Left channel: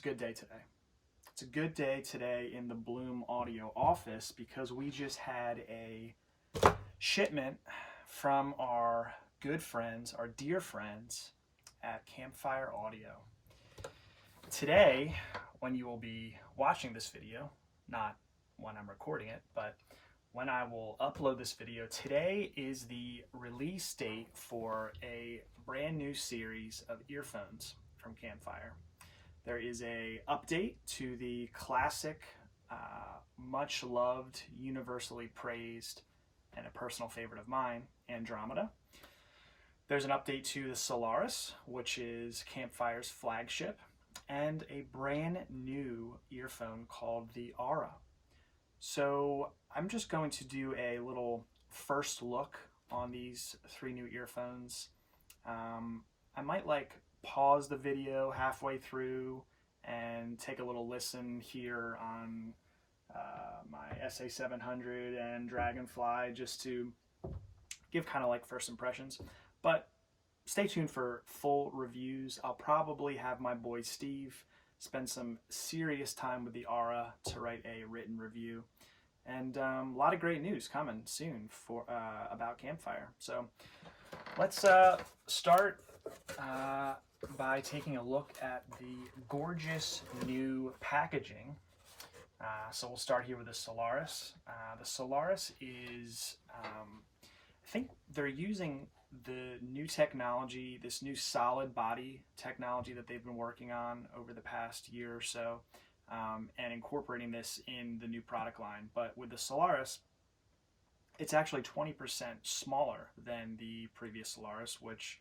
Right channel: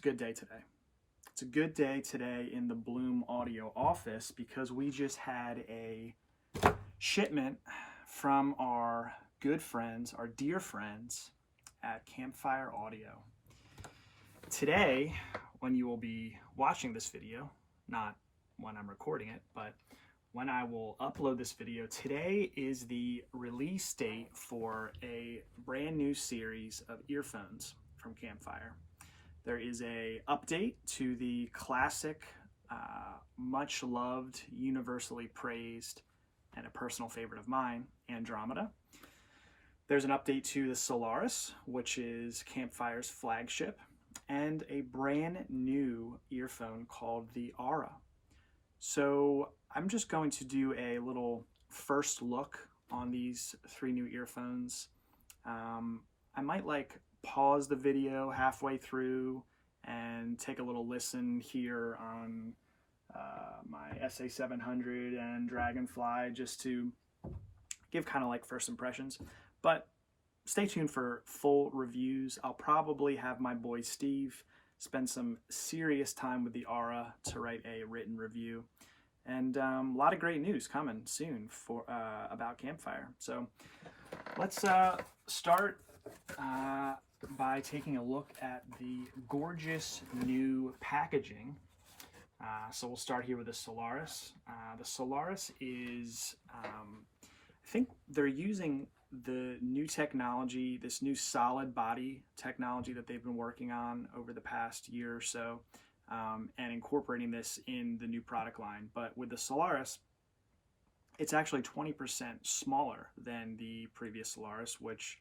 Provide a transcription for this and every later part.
a good day today. It's a good day today in the Bloom Audio office because we just had a shipment from our good friends, our dear friends at Campfire Audio. Today, when you will be watching this video, not when I'm recording it, but when I will upload this video, today is the release date for a brand new series of earphones from Campfire. There is a update to the classic, much loved, universally praised, and a personal favorite of mine, Andromeda. There's an update to the Solaris, which is Campfire's flagship, and a brand new earphone called the Aura. So I'm just going to do a little first look on these three new earphones. I might pause the video halfway through and take a little listen here on my SA700 and Dragonfly just to give kind of first impressions. But stay tuned for full reviews. I'll probably have my boy Steve spend some serious time with the Aura to write a written review. And a lot of great news coming soon for about Campfire. So let's start by taking a look at the gorgeous new packaging. So we'll start here with the Solaris. The Solaris is, I think they're using the new technology, this new solid body technology that they've been working on over the past year or so, and incorporating this in the new product line. But with the Solaris, it's actually 20% smaller than the previous Solaris, which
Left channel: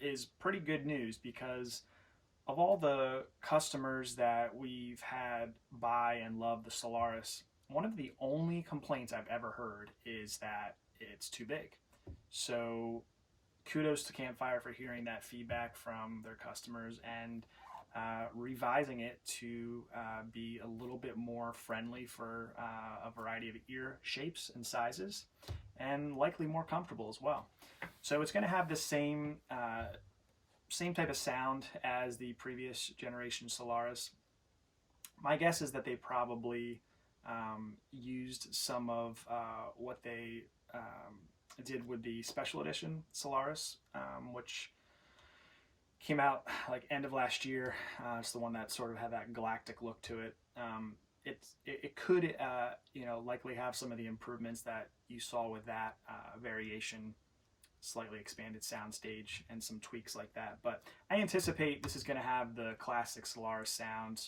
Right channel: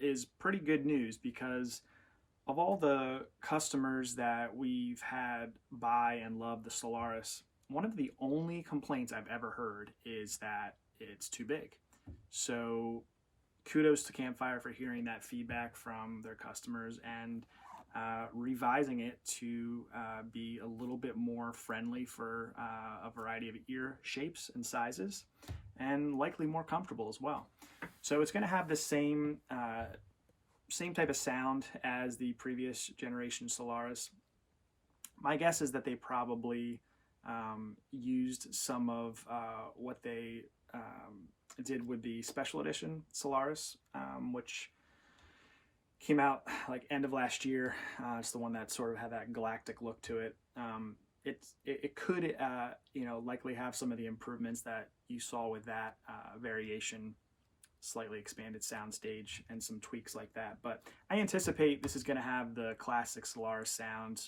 is pretty good news because of all the customers that we've had buy and love the Solaris, one of the only complaints I've ever heard is that it's too big. So kudos to Campfire for hearing that feedback from their customers and revising it to be a little bit more friendly for a variety of ear shapes and sizes, and likely more comfortable as well. So it's going to have the same type of sound as the previous generation Solaris. My guess is that they probably used some of what they did with the special edition Solaris, which came out end of last year. It's the one that sort of had that galactic look to it. It could likely have some of the improvements that you saw with that variation, slightly expanded soundstage and some tweaks like that. But I anticipate this is going to have the classic Solaris sound,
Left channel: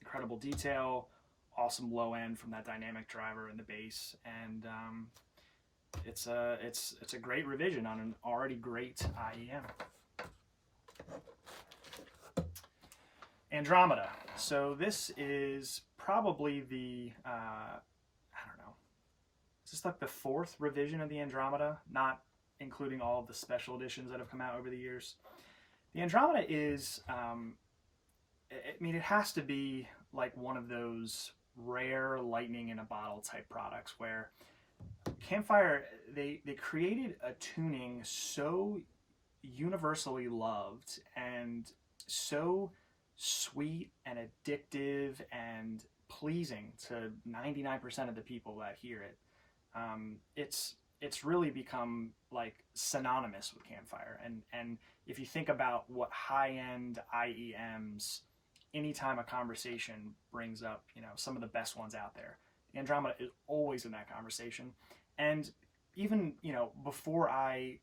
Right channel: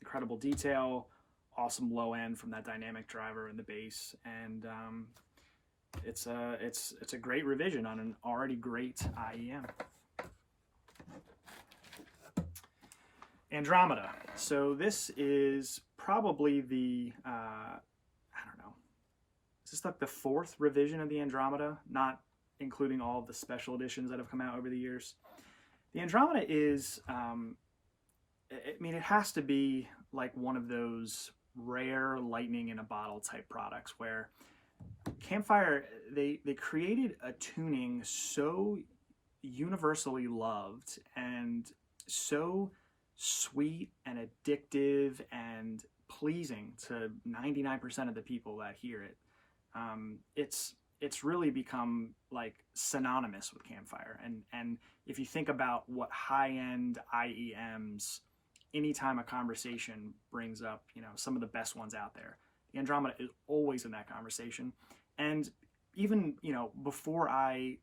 incredible detail, awesome low end from that dynamic driver and the bass, and it's a great revision on an already great IEM. Andromeda. So this is probably the, I don't know, is this the fourth revision of the Andromeda, not including all of the special editions that have come out over the years. The Andromeda is, it has to be one of those rare lightning in a bottle type products where Campfire, they created a tuning so universally loved and so sweet and addictive and pleasing to 99% of the people that hear it. It's really become synonymous with Campfire. And if you think about what high-end IEMs, anytime a conversation brings up, some of the best ones out there, the Andromeda is always in that conversation. And even, before I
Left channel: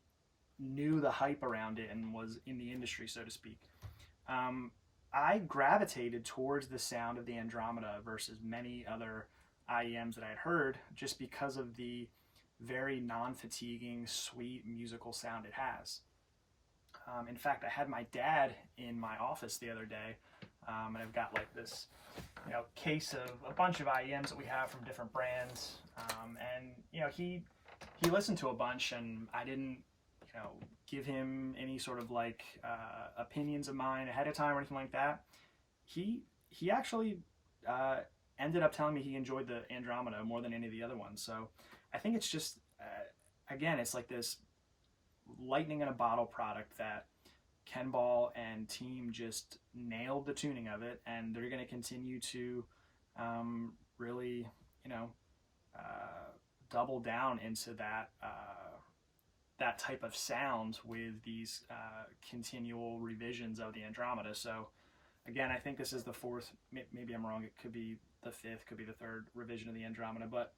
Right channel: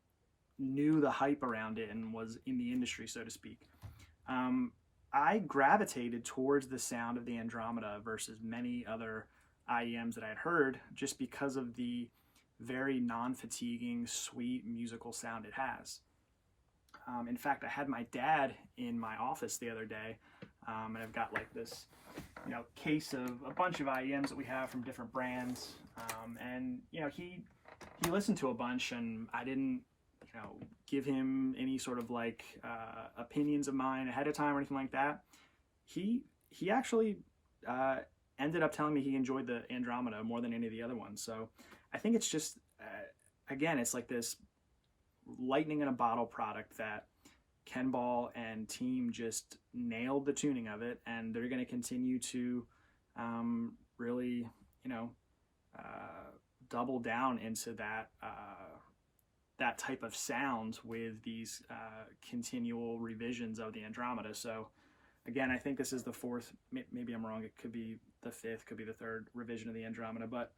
knew the hype around it and was in the industry, so to speak, I gravitated towards the sound of the Andromeda versus many other IEMs that I had heard, just because of the very non-fatiguing, sweet musical sound it has. In fact, I had my dad in my office the other day, and I've got this case of a bunch of IEMs that we have from different brands, and he listened to a bunch, and I didn't give him any sort of opinions of mine ahead of time or anything like that. He actually ended up telling me he enjoyed the Andromeda more than any of the other ones. So I think it's just again, it's this lightning in a bottle product that Ken Ball and team just nailed the tuning of it, and they're going to continue to really, double down into that type of sound with these continual revisions of the Andromeda. So again, I think this is the fourth, maybe I'm wrong, it could be the fifth, could be the third revision of the Andromeda, but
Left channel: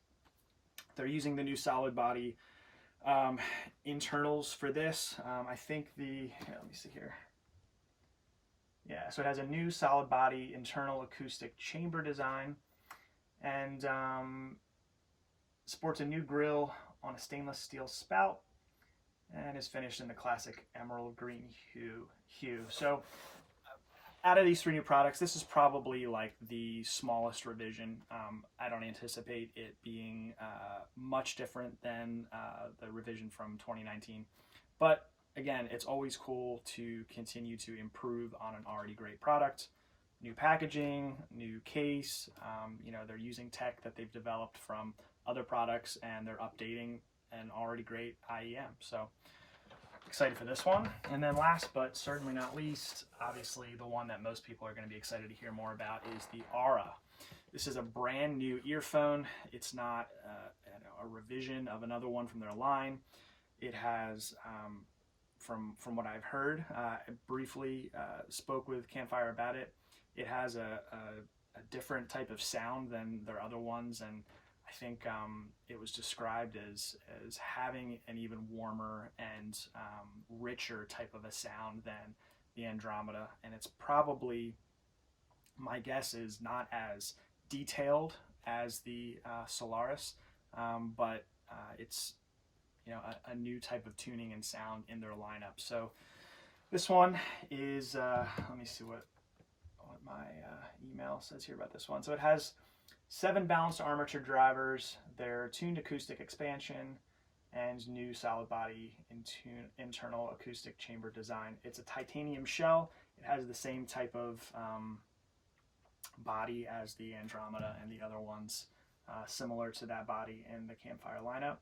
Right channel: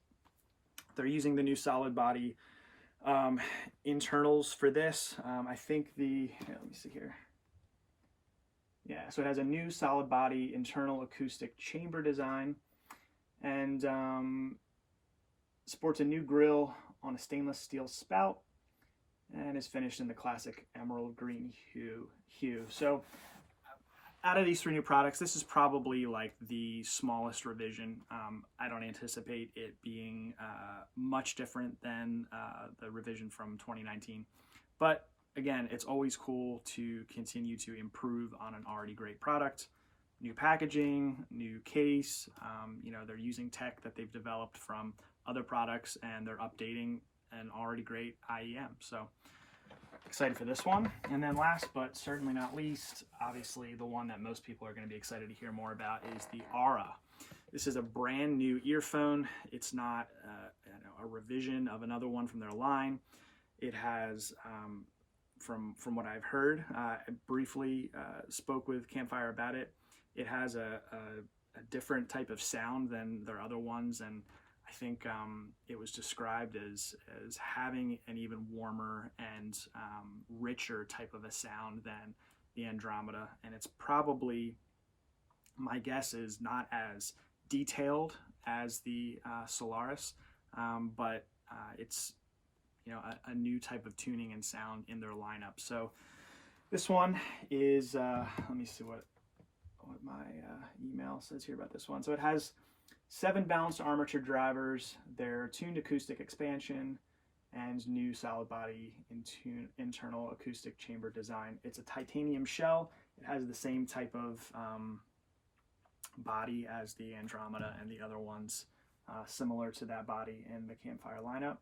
they're using the new solid body internals for this. I think let me see here. Yeah, so it has a new solid body internal acoustic chamber design, and sports a new grille on a stainless steel spout, and is finished in the classic emerald green hue. So out of these three new products, this is probably like the smallest revision. I don't anticipate it being much different than the revision from 2019. But again, it's always cool to continue to improve on an already great product. New packaging, new case, they're using tech that they've developed from other products, and they're updating an already great IEM. So excited for this one. And then last but certainly not least, obviously the one that most people are going to be excited to hear more about is the Aura. This is a brand new earphone. It's not a revision of another one from their line. It has, from what I've heard, I briefly spoke with Campfire about it. It has a different type of sound than their other ones, and I think it was described as having an even warmer and richer type of a sound than the Andromeda. And it's probably, my guess is, not as detailed as the Solaris, but it's a new type of tuning and sound in their lineup. So this one is, let me see what my email says here about this one. So it has 7 balanced armature drivers, their tuned acoustic expansion, and new solid body internal acoustic chamber design. It's a titanium shell. It has the same type of body as the Andromeda and the other ones, similar to that body in the Campfire lineup.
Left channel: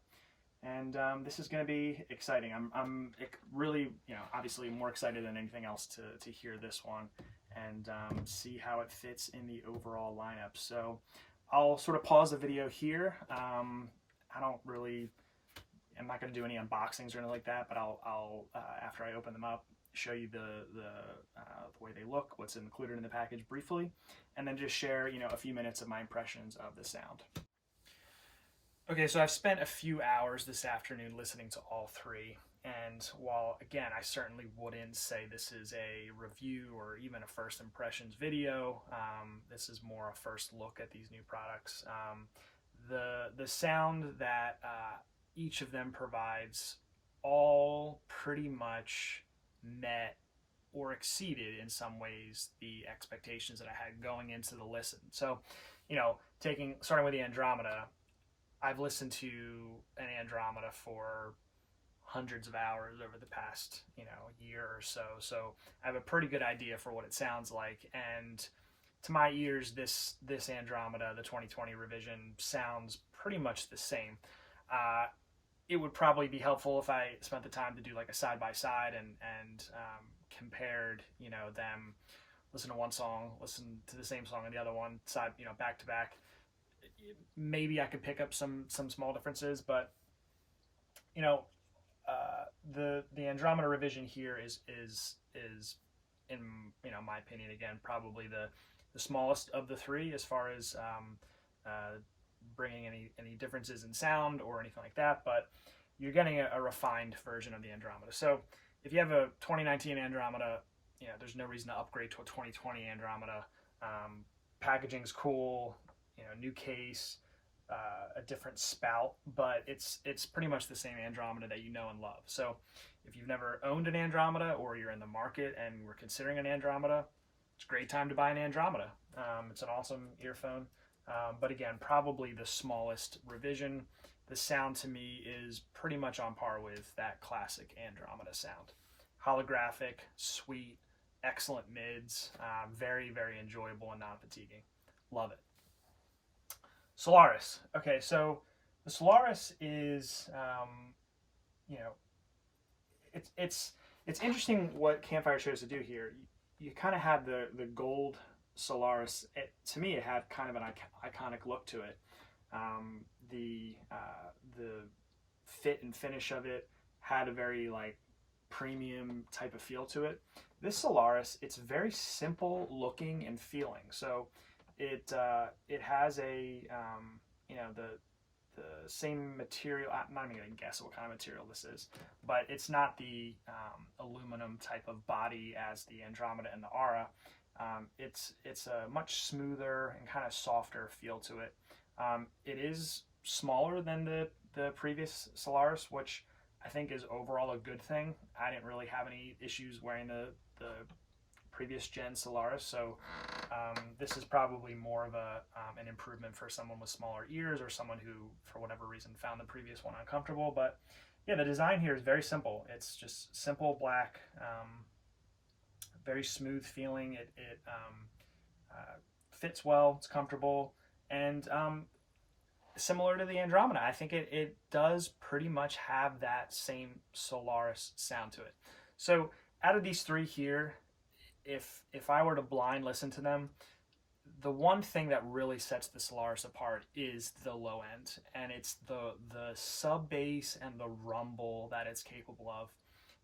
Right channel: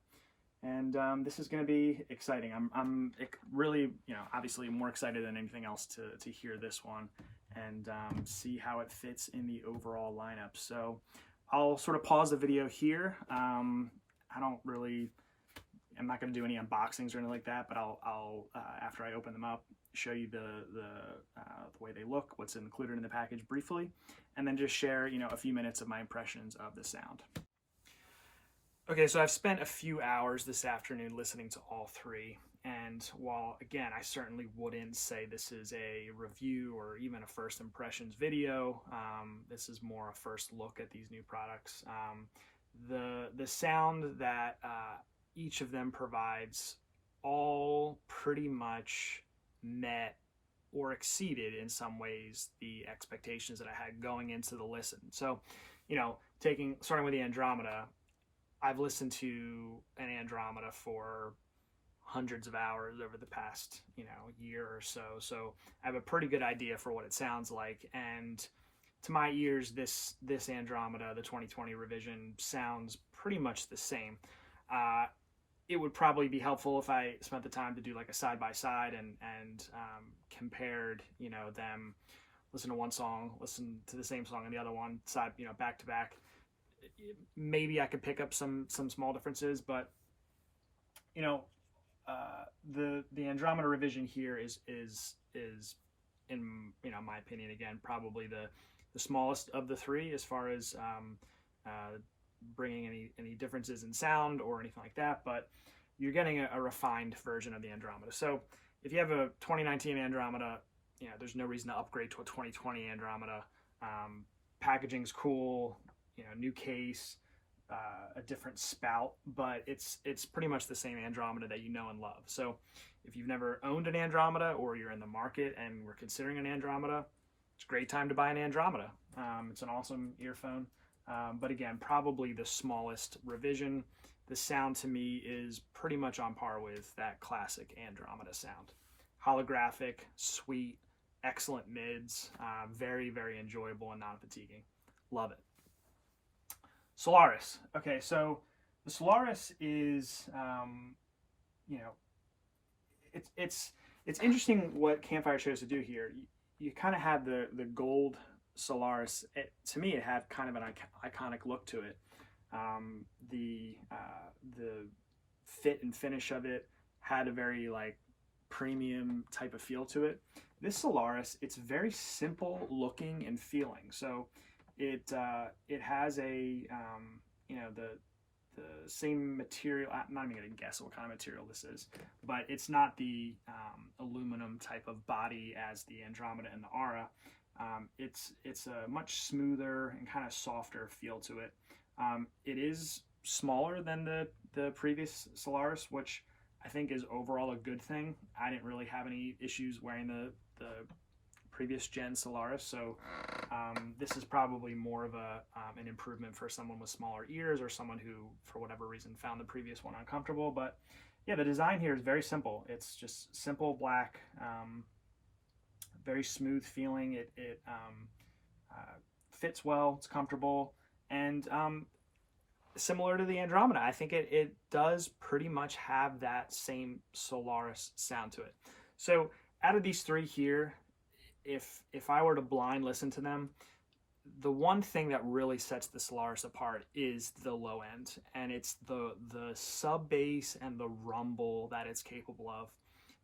And this is going to be exciting. I'm really, obviously more excited than anything else to hear this one and see how it fits in the overall lineup. So I'll sort of pause the video here. I'm not going to do any unboxings or anything like that, but I'll after I open them up, show you the way they look, what's included in the package briefly, and then just share, a few minutes of my impressions of the sound. Okay, so I've spent a few hours this afternoon listening to all three, and while, again, I certainly wouldn't say this is a review or even a first impressions video, this is more a first look at these new products. The sound that each of them provides all pretty much met or exceeded in some ways the expectations that I had going into the listen. So, starting with the Andromeda, I've listened to an Andromeda for hundreds of hours over the past, year or so. So I have a pretty good idea for what it sounds like. And to my ears, this Andromeda, the 2020 revision, sounds pretty much the same. It would probably be helpful if I spent the time to do like a side-by-side and compared, them, listen to one song, listen to the same song and the other one, side, back to back. Maybe I could pick up some small differences, but the Andromeda revision here is in my opinion, again, probably the smallest of the three as far as bringing any differences in sound or anything like that, but you're getting a refined version of the Andromeda. So if you have a 2019 Andromeda, there's no reason to upgrade to a 2020 Andromeda. Packaging's cool, new case, a different spout, but it's pretty much the same Andromeda that you know and love. So if you've never owned an Andromeda or you're in the market and we're considering an Andromeda, it's a great time to buy an Andromeda. It's an awesome earphone, but again, probably the smallest revision. The sound to me is pretty much on par with that classic Andromeda sound. Holographic, sweet, excellent mids, very, very enjoyable and non-fatiguing. Love it. Solaris. Okay, so the Solaris is, it's interesting what Campfire chose to do here. You kind of had the gold Solaris. To me, it had kind of an iconic look to it. The fit and finish of it had a very like premium type of feel to it. This Solaris, it's very simple looking and feeling. So it has a you know, the same material. I'm not even gonna guess what kind of material this is, but it's not the aluminum type of body as the Andromeda and the Aura. It's a much smoother and kind of softer feel to it. It is smaller than the previous Solaris, which I think is overall a good thing. I didn't really have any issues wearing the previous gen Solaris, so this is probably more of an improvement for someone with smaller ears or someone who, for whatever reason, found the previous one uncomfortable. But yeah, the design here is very simple. It's just simple black, very smooth feeling. It fits well. It's comfortable, and similar to the Andromeda, I think it does pretty much have that same Solaris sound to it. So out of these three here, if I were to blind listen to them, the one thing that really sets the Solaris apart is the low end, and it's the sub bass and the rumble that it's capable of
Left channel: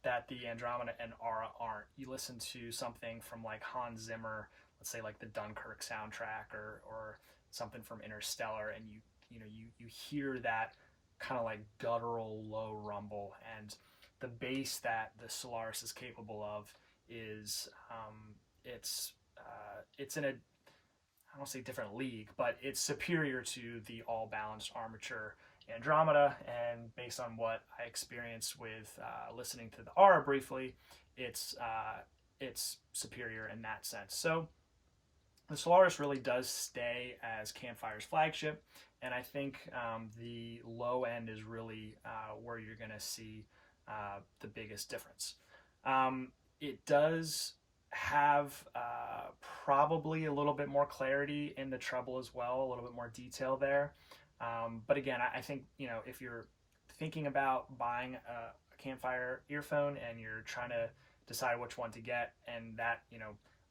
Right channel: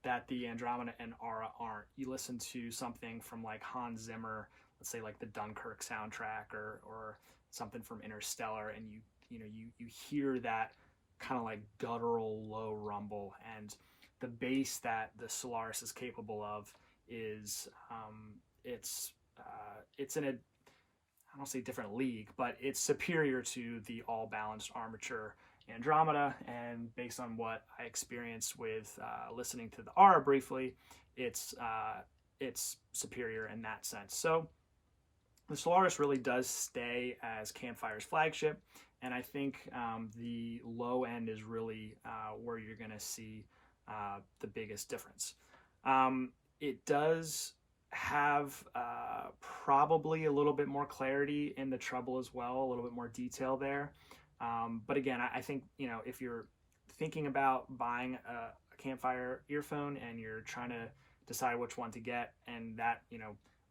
that the Andromeda and Aura aren't. You listen to something from like Hans Zimmer, let's say like the Dunkirk soundtrack or something from Interstellar, and you hear that kind of like guttural low rumble, and the bass that the Solaris is capable of is it's in a, I don't say different league, but it's superior to the all balanced armature Andromeda. And based on what I experienced with listening to the Aura briefly, it's superior in that sense. So the Solaris really does stay as Campfire's flagship, and I think the low end is really where you're going to see the biggest difference. It does have probably a little bit more clarity in the treble as well, a little bit more detail there. But again, I think, if you're thinking about buying a Campfire earphone and you're trying to decide which one to get, and that,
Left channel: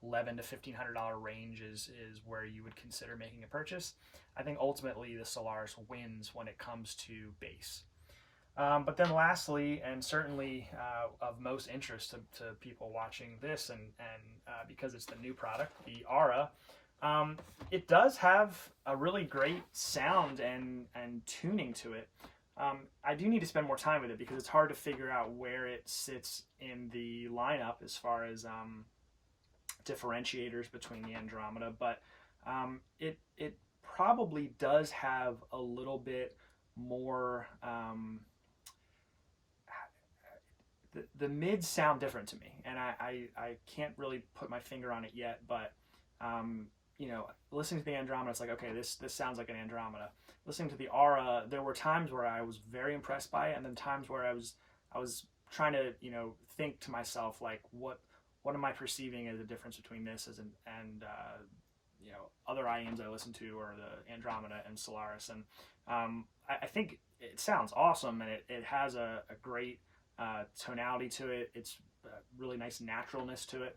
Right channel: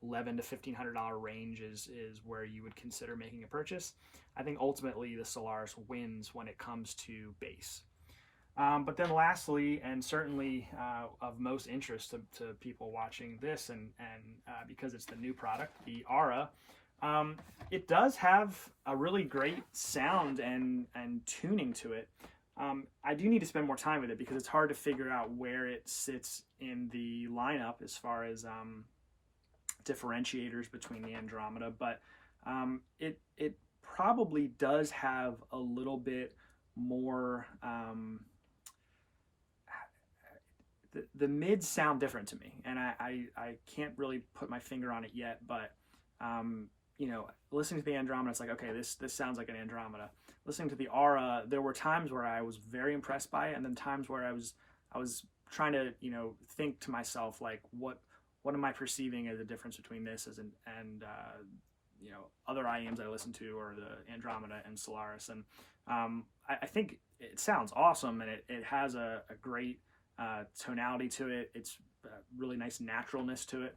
$1,100 to $1,500 range is where you would consider making a purchase, I think ultimately the Solaris wins when it comes to bass. But then lastly, and certainly of most interest to people watching this, and because it's the new product, the Aura, it does have a really great sound and tuning to it. I do need to spend more time with it because it's hard to figure out where it sits in the lineup as far as differentiators between the Andromeda, but it probably does have a little bit more. The mids sound different to me, and I can't really put my finger on it yet, but listening to the Andromeda, it's like, okay, this sounds like an Andromeda. Listening to the Aura, there were times where I was very impressed by it, and then times where I was trying to think to myself, like, what am I perceiving as a difference between this and other IEMs I listen to, or the Andromeda and Solaris, and I think it sounds awesome, and it has a great tonality to it. It's really nice naturalness to it.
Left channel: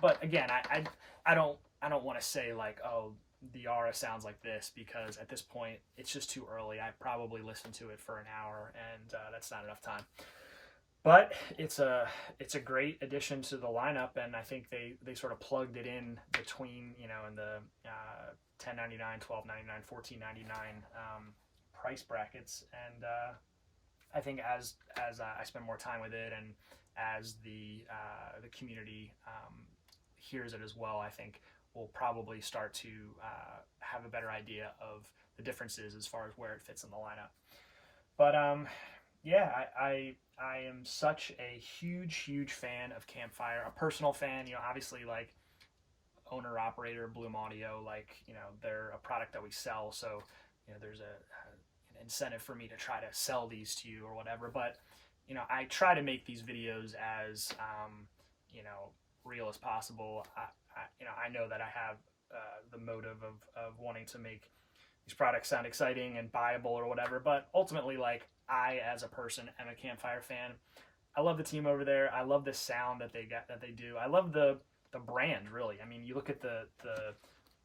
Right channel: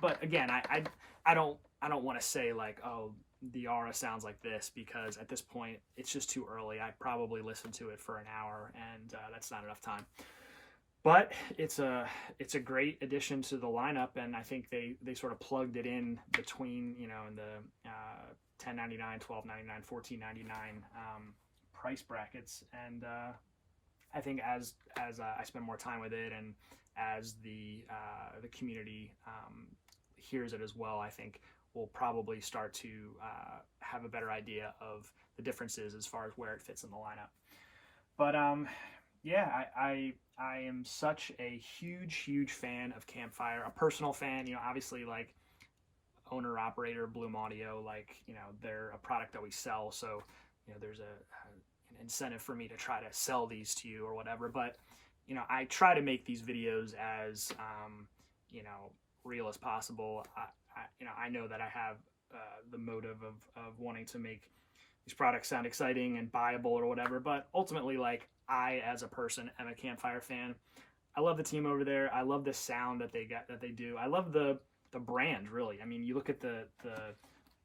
But again, I don't want to say like, oh, the Aura sounds like this, because at this point it's just too early. I probably listened to it for an hour, and that's not enough time. But it's a great addition to the lineup, and I think they sort of plugged it in between in the $10.99, $12.99, $14.99 price brackets, and I think as I spend more time with it, and as the community hears it as well, I think we'll probably start to have a better idea of the differences as far as where it fits in the lineup. But yeah, I am such a huge fan of Campfire, a personal fan. Obviously, like, owner operator Bloom Audio, like, they're a product that we sell, so there's an incentive for me to try to sell these to you or whatever. But I try to make these videos as real as possible. I know that I have the motive of wanting to make these products sound exciting and buyable or whatever, but ultimately, like, I as a person am a Campfire fan. I love the team over there. I love the sound that they do. I love the brand, really. I mean, you look at the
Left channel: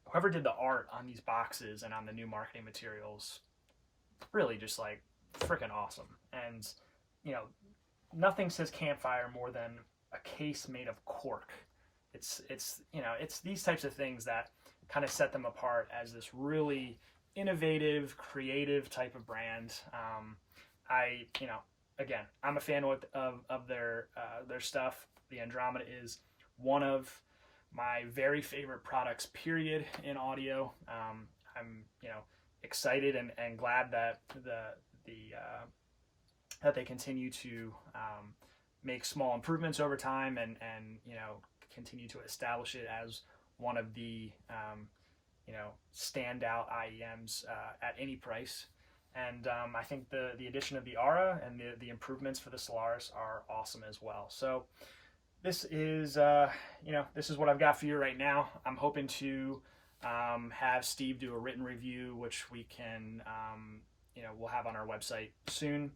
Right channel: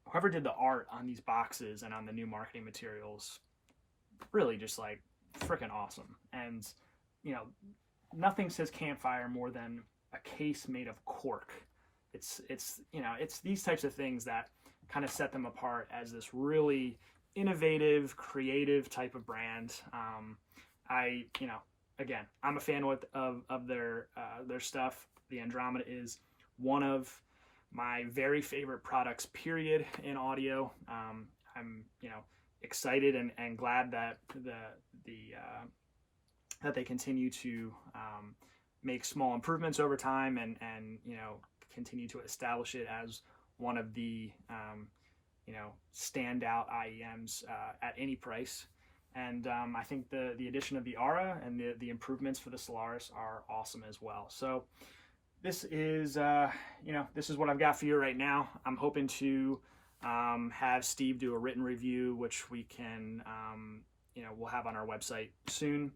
whoever did the art on these boxes and on the new marketing materials, really just like freaking awesome. And you know, nothing says Campfire more than a case made of cork. It's you know, it's these types of things that kind of set them apart as this really innovative, creative type of brand. You know, again, I'm a fan of their stuff. The Andromeda is one of my very favorite products, period, in audio. I'm, you know, excited and glad that that they continue to make small improvements over time and you know, continue to establish it as one of the you know, standout IEMs at any price. And I think the addition of the Aura and the improvements for the Solaris are awesome as well. So this is you know, this is what I've got for you right now. I'm hoping to have Steve do a written review, which we can you know, we'll have on our website soon.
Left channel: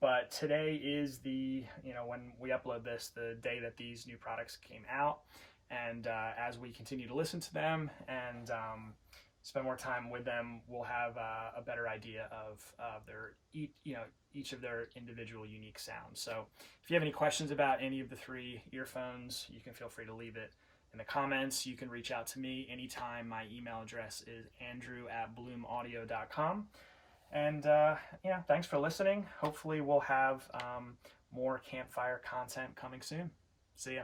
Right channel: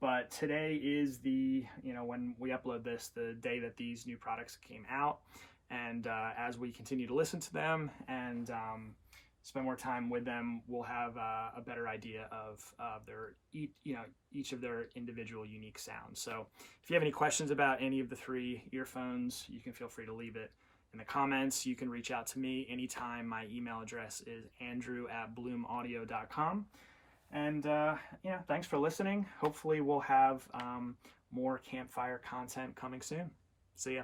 But today is the, you know, when we upload this, the day that these new products came out. And as we continue to listen to them and spend more time with them, we'll have a better idea of their, you know, each of their individual unique sounds. So if you have any questions about any of the 3 earphones, you can feel free to leave it in the comments. You can reach out to me anytime. My email address is andrew@bloomaudio.com. And yeah, thanks for listening. Hopefully we'll have more Campfire content coming soon. See ya.